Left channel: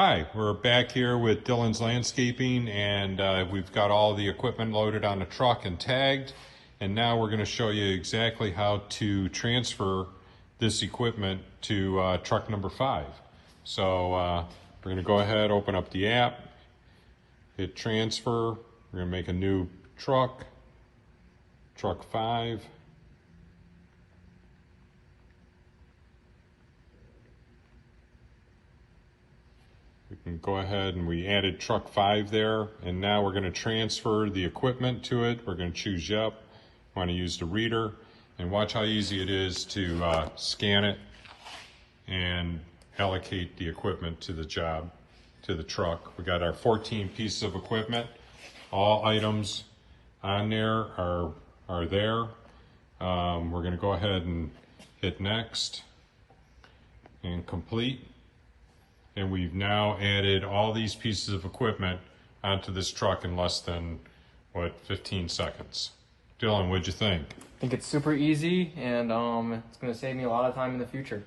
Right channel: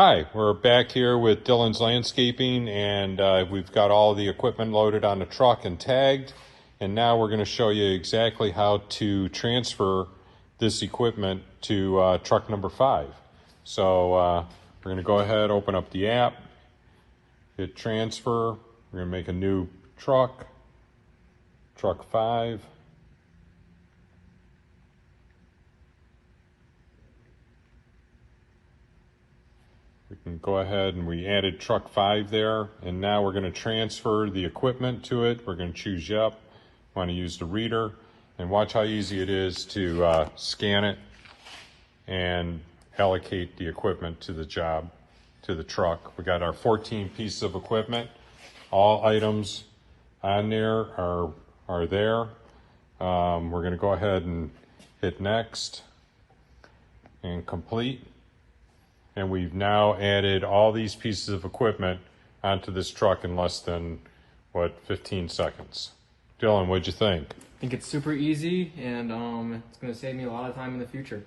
Hi, we're back here with Dylan's Landscaping, and we've got all the equipment loaded on the truck and tagged. And now we're going to show you exactly how to transfer this equipment to truck number 5. So we're going to go ahead, open up the app, hit transfer. We're going to make a new truck, truck 5. We can go ahead and we added truck 5 there, and now we're going to transfer the equipment to it. We're going to choose yep. Want to use the reader, and watch how easy it is to scan it and allocate the equipment to the job, to the truck. We got our 14 pieces of equipment. All items on there are there. We're going to go ahead and hit next and complete. And we've now added all these pieces of equipment onto this truck in less than, 15 seconds. Dylan, what'd you think? I think it's super easy, and it's going to save me a lot of time in the future.